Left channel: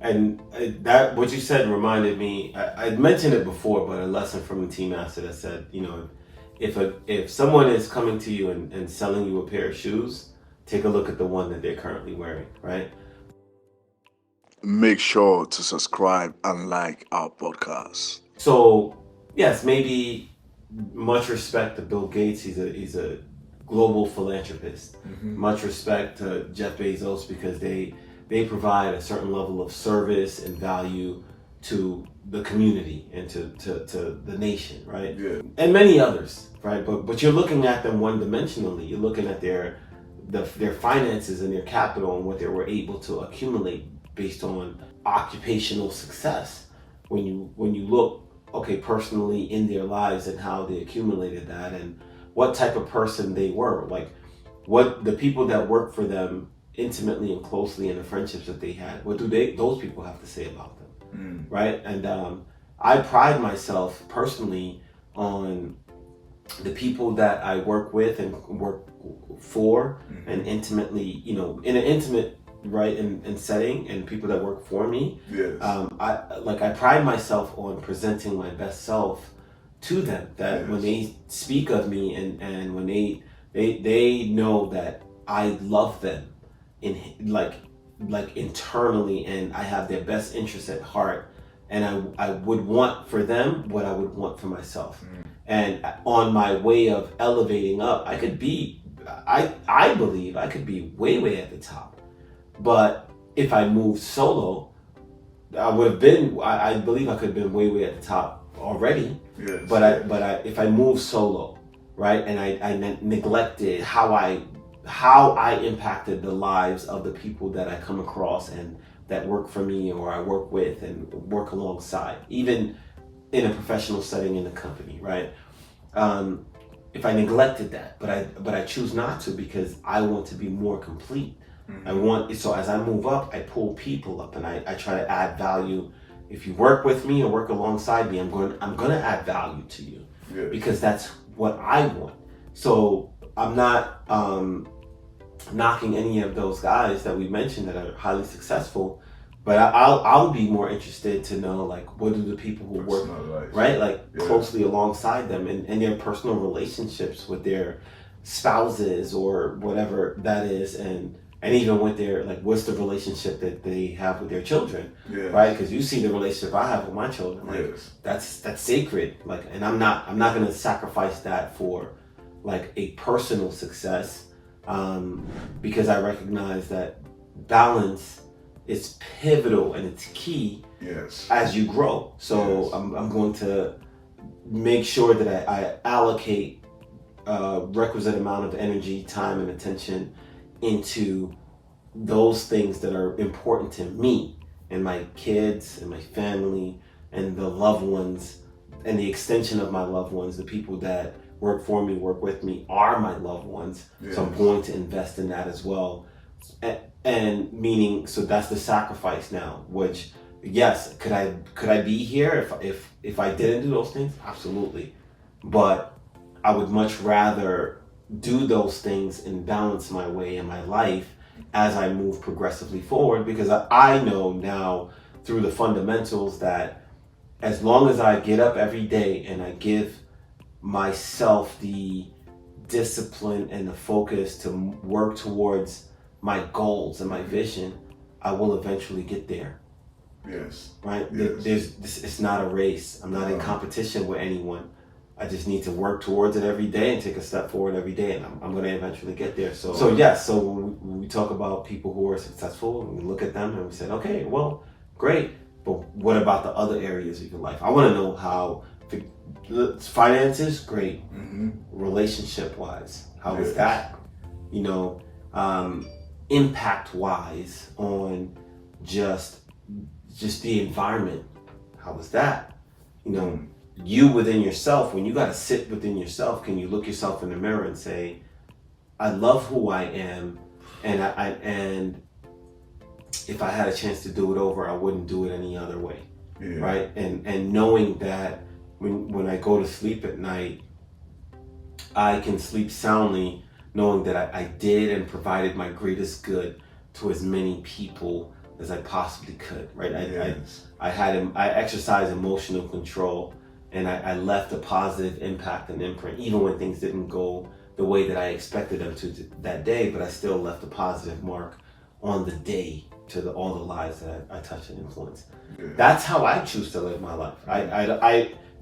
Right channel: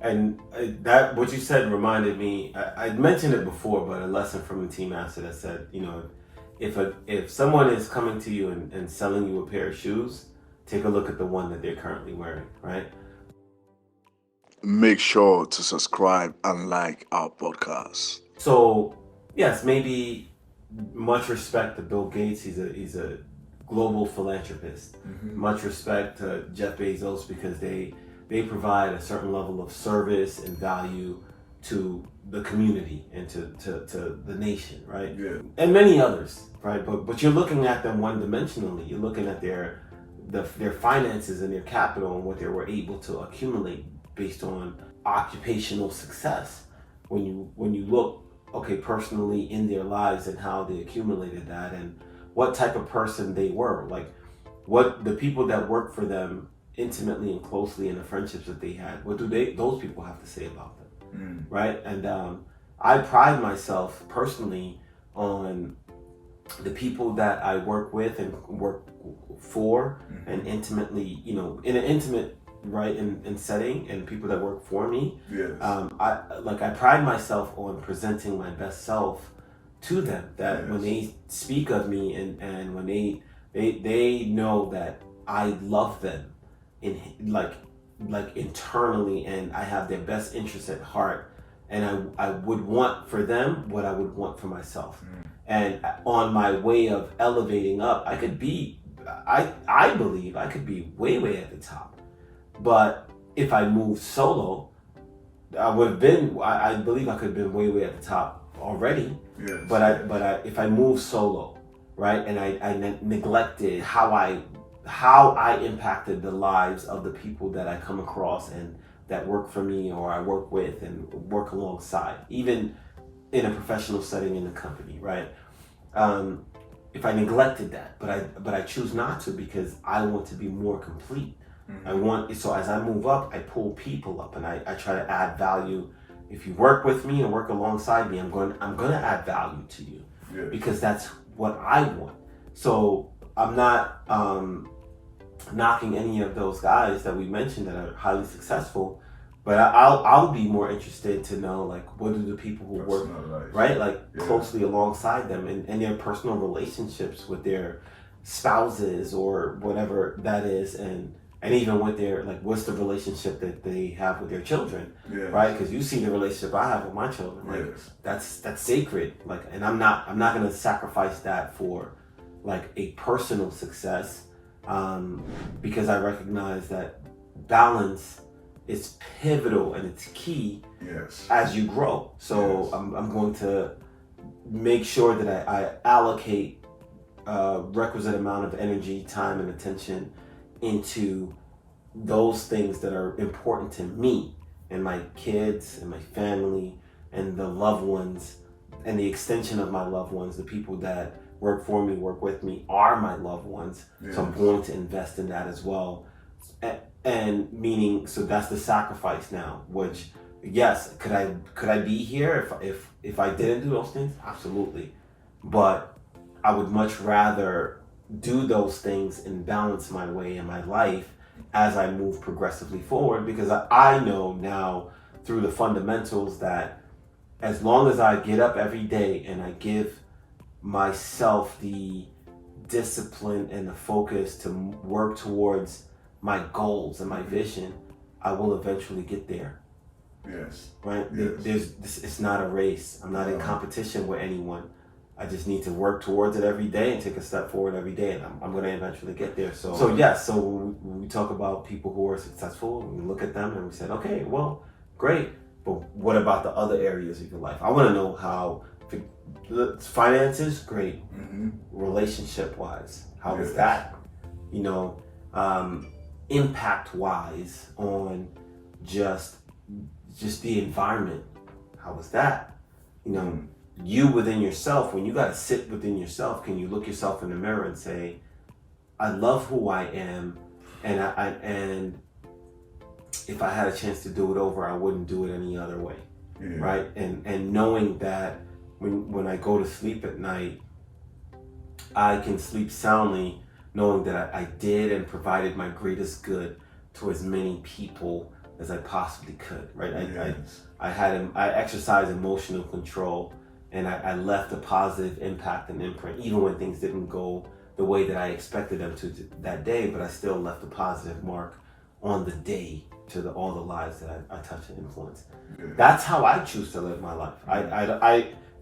And that what you said reminded me. I'd mentioned it before, but a lesson from the team master that said, if someone is coming to you and selling you a pair of shoes, take a look at the one that they're currently wearing, right? Make sure to subscribe and like our podcast. So yes, maybe much respect to Bill Gates. He's a global philanthropist. Much respect to Jeff Bezos because they provide a certain level of service and value to the community and to the nation, right? Yeah. And many others, right? But you're looking at them one dimensionally. You're looking at their finances and their capital and what they were able to accumulate based on occupational success. When you look, okay, personally in their lives and how they accumulated that and what type of person they were, like what the people that work for them intimately and closely and the friendships that they had, what do those people have to say about them, right? And I pride myself personally on the people that I work with and work for, and intimately, in an intimate, right, in setting, and people that work for me. Yes. I pride myself on presenting my best self to them. That Yes. when they speak of me and when they know that I love them in like internally, and I have their best interests at heart, and I would want for them what I would want for myself. And on my way of elevating up, I believe I could be way at the top. But if I moved solo, I believe I could have been way at the top already. Yes. But if I moved solo, right, and I neglected how I impacted the lives of the people that I come across and that work for me or I work with and work alongside, even in a professional setting in the company, right? If I neglected that, but I choose not to because I want to be more complete. So as I move up, I pull people up and I try to add value. If you work with me or work alongside me, I'm going to add value to you. Yes. Because that's what I want. So I'm not knocking any of those guys that we mentioned that are highly successful, but I'll be more interested to know, like, what do the people who work, right, like, closely alongside them and their personal relationships with their spouses or whatever that is, and even with their, like, what's the relationship that they have with their children, right? Because you see the relationship I have with my children, like, that's sacred, like, and I'm not going to sacrifice that for like a personal success, because I recognize that balance is pivotal and it's key as you grow. So I'm going to make sure that I allocate a requisite amount of energy, time, and attention into those things that are important to me and my kids and my family and the loved ones and the extension of my loved ones, the people that work for me, work with me, are my loved ones. So I'm going to invest in that as well. And meaning, so that's the sacrifice now, which, yes, could I be here if I didn't do those things? Absolutely. But I would much rather do those things and balance my way in my life as I move progressively forward, because I know now through the fundamentals that as long as I get up every day and I give myself the discipline and the focus to work towards my goals and my vision, I will eventually get there. Yes. Right? Yes. It's not a race. I'm not in competition with anyone. I just need to work towards it every day and take a step forward every day, and I'm going to eventually get there. So when we talk about people who are successful, we look at them and we said, okay, well, great, but what about the other areas of your life? I want to know how finances, great. Relationship wise, how is that? Impact wise on just the environment, how was that? You within yourself, when you got to sit within yourself, can you look yourself in the mirror and say, I love who I am, and if I had a chance to do it over, I wouldn't do it any other way, right? And knowing that when I go to sleep at night, I can sleep soundly knowing that I did and provided my greatest good to as many people as I possibly could, right? Yes. I exercised emotional control, and I left a positive impact and imprint, even when things didn't go the way that I expected them to that day, but I still left a positive mark on the day to all the lives that I touch and influence. Yeah. That's how I choose to live my life.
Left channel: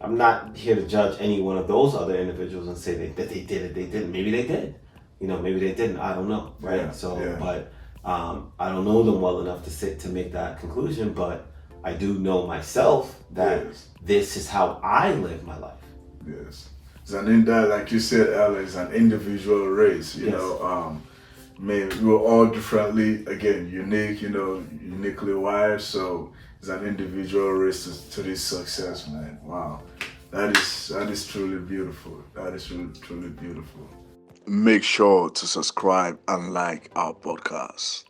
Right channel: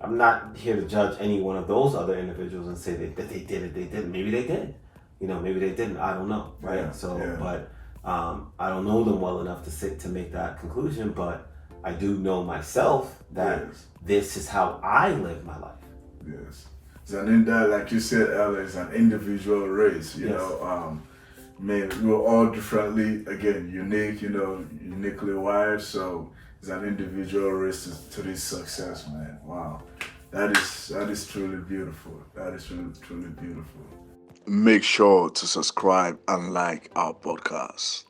I'm not here to judge any one of those other individuals and say that they did it, they didn't. Maybe they did. Maybe they didn't. I don't know, right? Yeah, So, yeah. but I don't know them well enough to make that conclusion. But I do know myself that Yes. this is how I live my life. Yes. Like you said earlier, it's an individual race, you Yes. know. Man, we're all differently, again, unique, uniquely wired. So it's an individual race to this success, man. Wow. That is truly beautiful. That is truly, truly beautiful. Make sure to subscribe and like our podcast.